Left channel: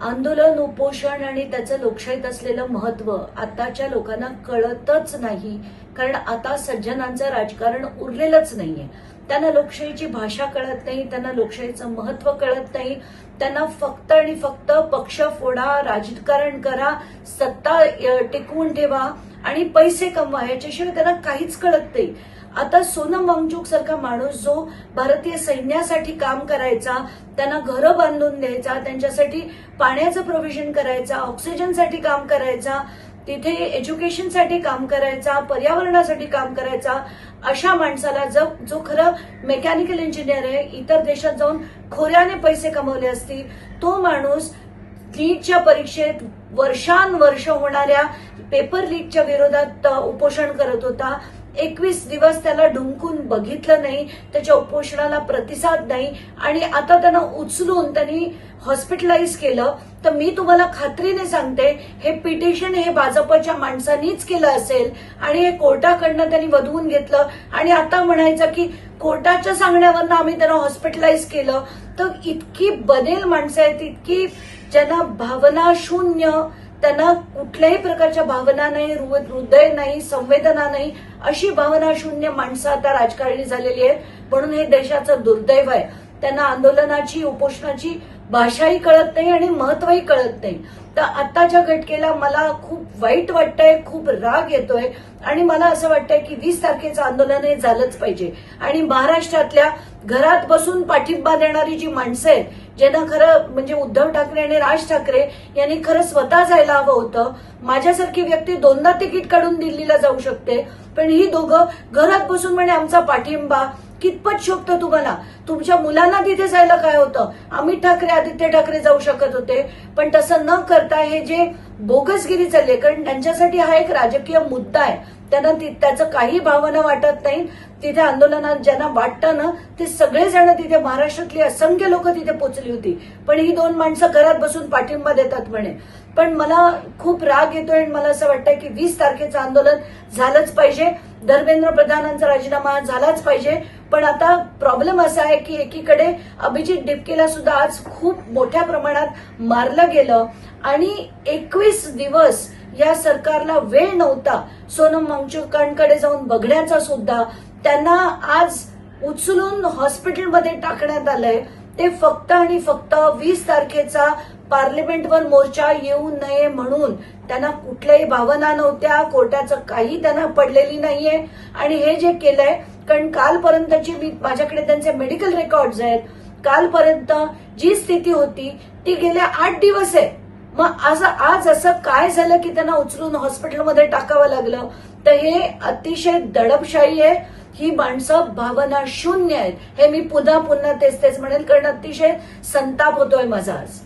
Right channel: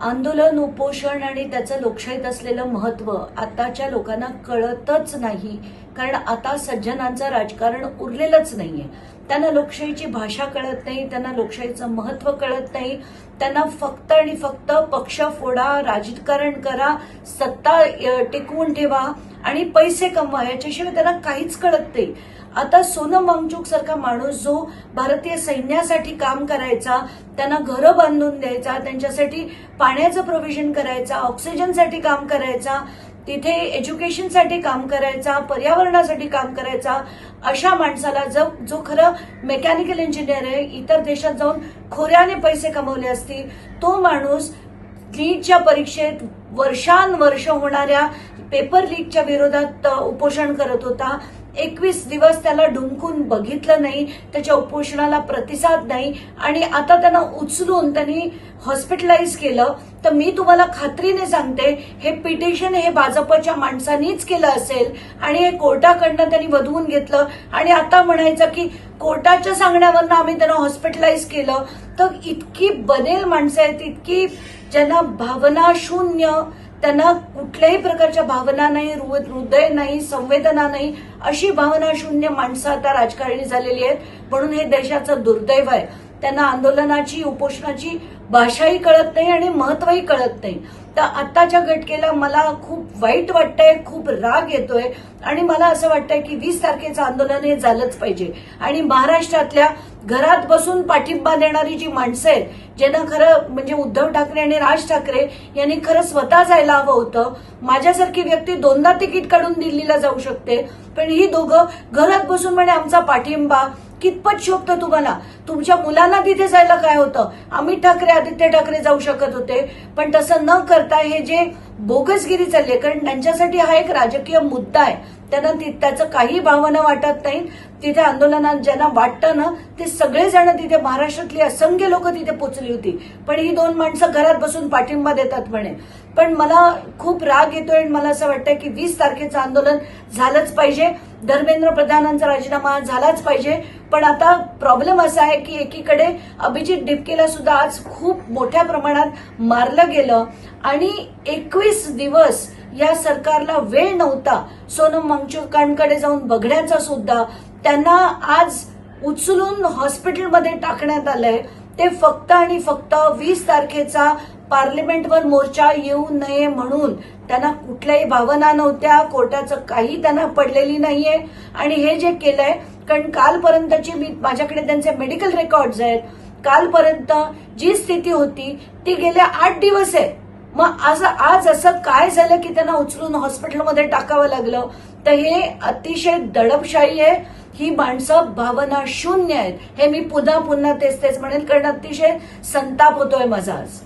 आंदोलन, उपोषण आणि त्याचं लोकशाहीत असलेलं महत्व आताच्या लोकांना कळतच नाही. कारण आता सज्जनांचं राजकारण उरलेलंच नाहीये. त्यांना लोकशाहीची भाषा कळत नाही, त्यांना लोकशाहीचं महत्व कळत नाही. त्यांना फक्त आणि फक्त पक्ष फोडा, राजकारण करा, सत्ता टिकवून ठेवा आणि पैसे कमवा, याच्याशिवाय त्यांना काहीच कळत नाही. आता सोनम वांगचुक सारखा माणूस जो भारतीय सैन्यासाठी काम करायचा, त्यांना घरं बांधून द्यायचा, त्यांच्यासाठी पाण्याचं प्रोव्हिजन करायचा, ऑक्सिजनसाठी काम करायचा, तिथे एज्युकेशनसाठी काम करायचा, पर्यावरणासाठी काम करायचा, अशा माणसाला जो खरं मेकॅनिकल इंजिनियर आहे, इतर देशात जाऊन खोऱ्याने पैसे कमवले असतील, तो माणूस नीटच्या परीक्षेत वर्षानुवर्ष होणाऱ्या पेपर लीकच्या विरोधात उपोषण करत होता. 21 दिवस त्याला ढुंकून बघितलं नाही, त्याच्या उपोषणाला प्रतिसाद नाही आणि आता त्यांना उचलून त्यांनी हॉस्पिटलाइज केलं. तर मी तुम्हाला खात्रीने सांगते, हे पिटिशन हे भाजपच्या माणसांनीच केलं असेल आणि हे कोर्टाकडनं त्यांनी वधवून घेतलं आणि आता म्हणायचं की कोर्टाच्या सांगण्यावरनं आम्ही त्यांना हॉस्पिटलाइज केलं. तर इतकी बनेल माणसं आहेत, इतकी ज्यांना भावना शून्य, त्यांना कुठल्याही प्रकारच्या भावना नाही, हृदय नाही, संवेदना नाही, अशी भावना शून्य माणसं आता राजकारणी झालेली आहेत. म्हणून हे देशाचं दुर्दैव आहे. त्यांना आंदोलनाची, उपोषणाची भाषाही कळत नाही आणि महत्वही कळत नाही. तर आताच्या घटनेला मला खूप वाईट वाटतंय, खूप राग येतोय आणि मला असं वाटतंय की 20 तारखेचं आंदोलन हे झालंच पाहिजे. आणि महाराष्ट्रातल्या घरात बसून पाठिंबा देणारी जी माणसं आहेत, ज्यांना खरं म्हणजे उद्धव ठाकरे आणि राज ठाकरे यांनी खरं स्वतः जायला हवं होतं. माझ्यासारखी व्यक्ती 2दा तिकीट काढून दिल्लीला जाऊ शकते, पण ही दोघं घरात बसून म्हणे आमचा पाठिंबा. कितपत शोभतं तुम्हाला? तुमच्या मुलांना तिथे जायला काय होतं? अमित ठाकरे, आदित्य ठाकरे जाऊ शकत होते, पण तसं न करता हे जे बोगसगिरी चालली आहे, कारण त्यांच्यासाठी हा एक राजकीय मुद्दा आहे, त्यांना त्याचं काही भावना वाटत नाही. तिथे आंदोलनात ज्यांना वाटतं ना, ते सगळेजण तिथे, महाराष्ट्रातली असंख्य लोक तिथे पोचली होती, पण ही 2 माणसं घरात बसून पाठिंबा देतात म्हणे. पण मला खूप राग येतोय आणि मला असं वाटतंय की 20 तारखेचं आंदोलन झालंच पाहिजे. धर्मेंद्र प्रधानांचा राजीनामा झालाच पाहिजे. पण आता प्रॉब्लेम असा आहे की एकीकडे अभिजित डिपकेला सुद्धा आज खूप मोठ्या प्रमाणात मारलं गेलं आणि 21 दिवस या सरकारला वेळ नव्हता सोनम वांगचुकांकडे जाऊन बघण्याचा सुद्धा. त्यांना आज उचलून हॉस्पिटलमध्ये टाकण्यात आलंय. ते फक्त आणि फक्त 20 तारखेचा पार्लिमेंटवर मोर्चा येऊ नये म्हणून. त्यांना कुठल्याही भावना नव्हत्या, कोर्टाचं काही त्यांना पडलेली नाहीये. आणि हे जे केलंय, कारण कालपर्यंतची माझ्याकडे त्यांचे मेडिकल रेकॉर्ड्स आहेत, कालपर्यंत जी स्थिती होती ती गेल्या 8 दिवस आहे. मग आज असं काय झालं की त्यांना उचलून हॉस्पिटलमध्ये टाकावं लागलं? तर हे अतिशय दडपशाही आहे. ही माणसं भावना शून्य आहेत. हे मी पुन्हा तेच म्हणेल, कारण अतिशय संताप होतोय माझा आज.